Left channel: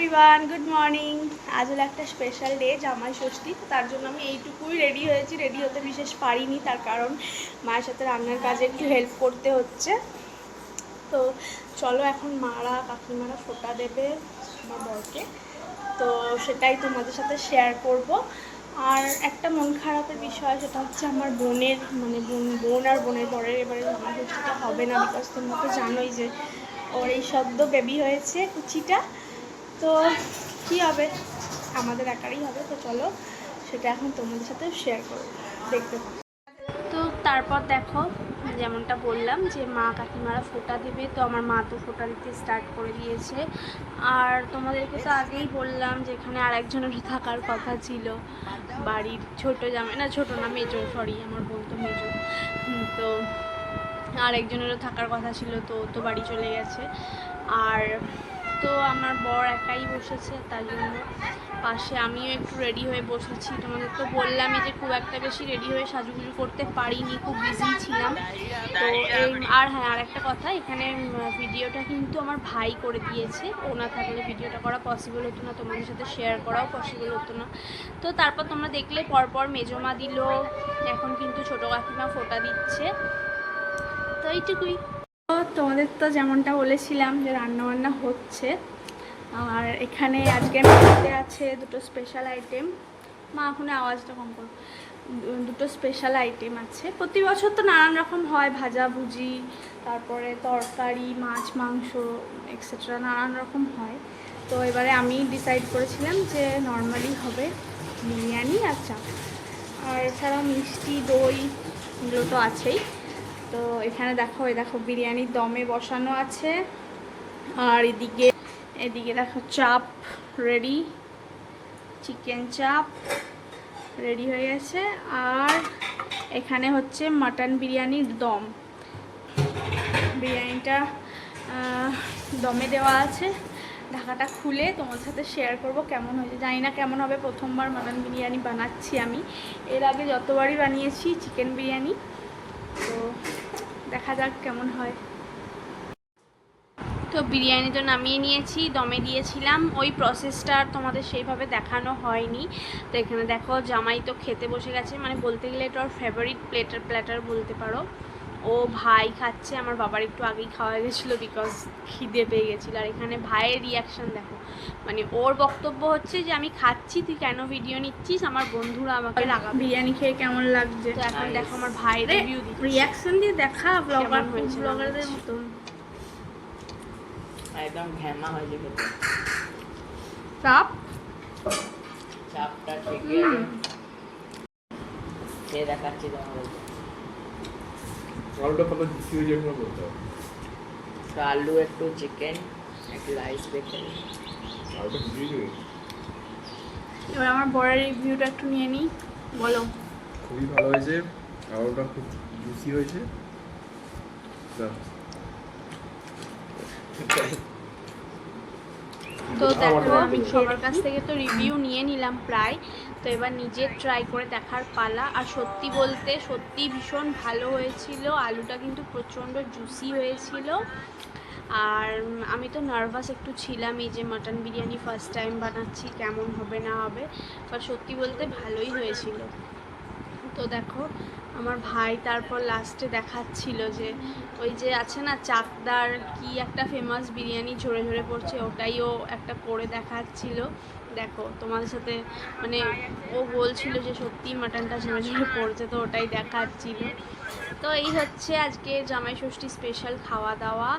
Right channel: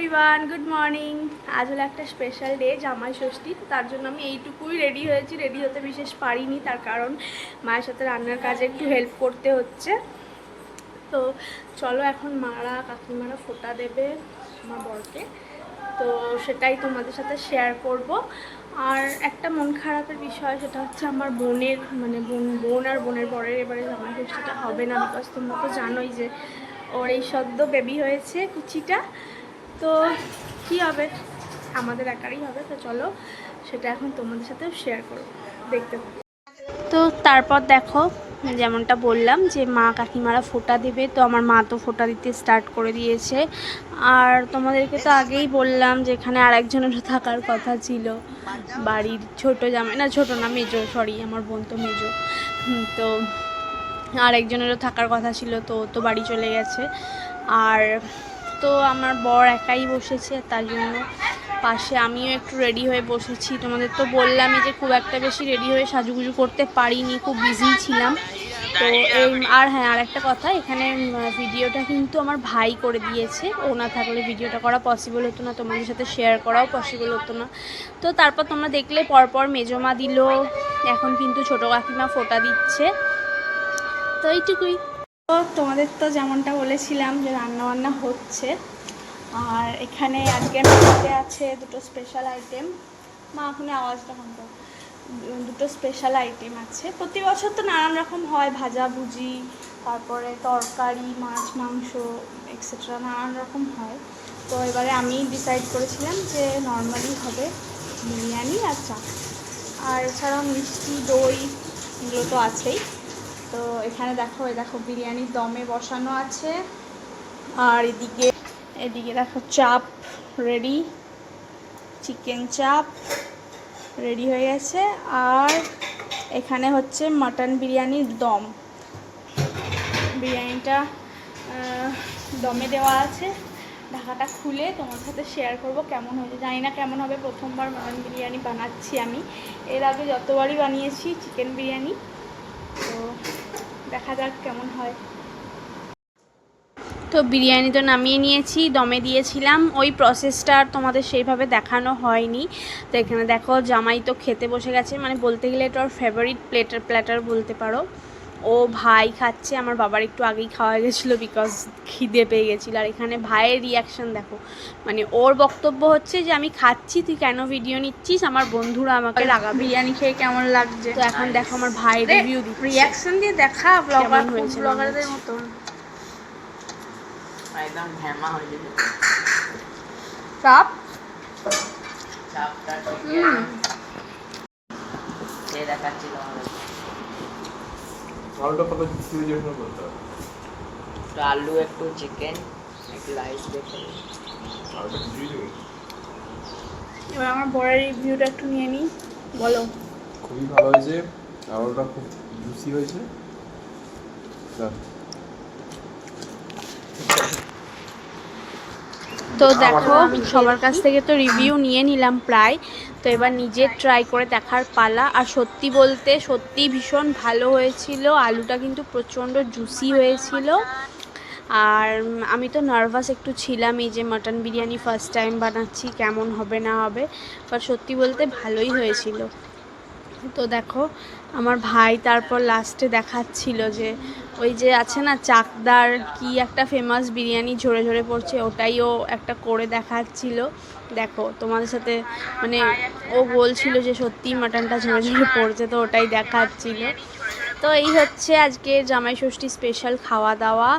Everyone good morning আজ হলো একটা স্পেশাল ডে জামাই ষষ্ঠী তার জন্য আমি এইটুকুই রেডি হয়েছি। রেডি হতে বিশেষ পারিনি, তার কারণ মায়ের সাথে রান্নার কাজে একটু হেল্প করতে হচ্ছে। তো চলো এখন মারা, কাকিমারা ফোটা দেবে আমার বরকে। তো সেটাই তোমাদের সাথে শেয়ার করব। আর একটা মন খারাপের বিষয়, সেটা হচ্ছে আমার বোনের মানে বোন বোন আর বোনের বরের এবারে জামাই ষষ্ঠীটা হবে না বিকজ তোমরা তো জানোই যে ওর এই সদ্য বেবি হয়েছে কুচিটা। তো কি হবে? আমাদের একারই হবে, তো চলো সেটা এখন তোমাদের সাথে শেয়ার করব। দেখতে তো তারপর দেখো, যেমনটা বললাম যে মা কাকিমারা ফোঁটা দেবে, তো আমার মা তো ফোঁটা দিতে স্টার্ট করে দিয়েছে। আর তোমাদেরকে তো আগেই বললাম যে এখানে আর একজনেরও থাকার কথা ছিল। বাড়ির ছোট জামাই, না ছোট না, মেজো সরি আমার বোন তো মেজো। তো আর একজনেরও থাকার কথা ছিল, তো তো বাড়ি চলে গেছে। আর তো আমার বর একাই বসেছে, তার জন্য পাশে আমিও একটু রেডি হয়ে বসেছি। তোমাদের তো বললামই যে খুব একটা বেশি রেডি হয়ে সাজুগুজু করতে পারিনি, খুব বিজি ছিলাম। তো আর হ্যাঁ আর একটা কথা, এখানে ভিডিওটা কিন্তু আমার ভাই করে দিয়েছে। ও না থাকলে ভিডিওটা করা পসিবল হতো না, তোমাদের সাথে শেয়ার করাও পসিবল হতো না। তো তারপর তোমরা দেখলে পরপর মেজমা দিল, এখন কিন্তু ছোটো কাকিমা ফোটা দিচ্ছে। তো এইটুকুই। তো তোমাদের তো যেমনটা বলেছিলাম যে রান্না বান্না হচ্ছে, আর এখানে আজকে মেনুতে আছে দুটো স্পেশাল আইটেম মা এখন আওয়াজটা কম করো দুটো স্পেশাল আইটেম আছে। প্রতি বছর তো নানান রকম হয়, ভাজা, ভুজি, তারপরে তরকারি, মাছ, মাংস এক্সেট্রা নানান রকম হয়। তো এবারে আমি ডিসাইড করেছিলাম যে নর্মালি হবে বিরিয়ানি আর চা আর এছাড়াও মিষ্টি, দই, এগুলো তো আছেই। তো এখানে দেখো, এই দেখো বিরিয়ানির দমে বসানো আছে। আর এদিকে এদিকে দেখো চাপ রেডি, চিকেন চাপ রেডি হয়ে গেছে। আর এখানে হচ্ছে মাটন বিরিয়ানির দম। বিরিয়ানিটা দমে দেওয়া আছে। ঢাকাটা খুলে তোমার সাথে শেয়ার করব কেমন হয়েছে। জানি না কেমন হবে, প্রথমবার মাটন বিরিয়ানি বানাচ্ছি আমি। এর আগে যতবারই বানিয়েছি, চিকেন বিরিয়ানি। দেখা যাক কেমন হয়। তো বিরিয়ানি তো নামিয়ে নিয়েছি, দমে দিয়েছিলাম। ওই প্রসেসটা আর তোমাদের সেইভাবে দেখানো হয়নি। তো এখানে দেখো, জামাই তো খেতে বসে গেছে। মানে বলতে গেলে এটা ওর ফেভারিট প্লেটার প্ল্যাটার বলতে পারো। ও ভাই খাচ্ছে আমার বাবার একটু আগেই খাওয়া গেছিল বিকজ খিদে পেয়ে গেছিল। আর এখানে ভাইয়ের রিয়াকশন দেখো মানে ওর বক্তব্য হচ্ছে যে আমি খাচ্ছি তুই কেন ভিডিও নিচ্ছিস? আমার বন্ধুরা আমাকে রাগাবে বিরিয়ানি খেয়ে কেমন লাগছে? তো এখন দেখো আমার ভাই রিভিউ দিচ্ছে। রিয়াকশন দিয়ে দেখা ব্লগার হয়েছে ব্লগারদের? মতন। একদম ঘ্যামা হয়ে যেতে চাপ? চাপটা। সে দেখাচ্ছিল আমাদের আলুটা কত কি যাবে বলতে হবে তো আলু একটু চিকেন একটু রাইস দিতে হবে। আলুটা কি হয়ে এবার আমার বড়ের রিভিউটা একটু নিয়ে নিই। বলো। খুবই ভালো হয়েছে। আলুটা খুব জুসি হয়েছে। তো দেখো সবার কাছ থেকে তো রিভিউ নিয়ে নিলাম প্রায়। তো এবার নিজে ট্রাই করে দেখার পালা। আর সত্যি বলতে সত্যি ভীষণ ভালো হয়েছিল। আলুটা কিন্তু প্রচণ্ড জুসি হয়েছিল। আর আমি তো নার্ভাস একটু ছিলাম এই যে মাটন বিরিয়ানি ফার্স্ট টাইম বানাচ্ছি কেমন হবে না হবে। বাট সত্যি বলতে ভালোই হয়েছিল। তো দেখো, আমার ভাই তারপর লাস্টে দেখাচ্ছিল যে, ওই যে আছে না, চাকদার কি একটা ফেমাস বিরিয়ানি ঝরে ঝরে পড়ছে ওটাইও একটা করে দেখাচ্ছিল। দেখো, তোমাদের সাথে মানে ও বলছিল যে সত্যি মাটনটা ঝরে ঝরে পড়ছে, তো ওটাই দেখাচ্ছিল। তো এই হচ্ছে আজকে জামাই ষষ্ঠী স্পেশাল খাওয়া দাওয়া।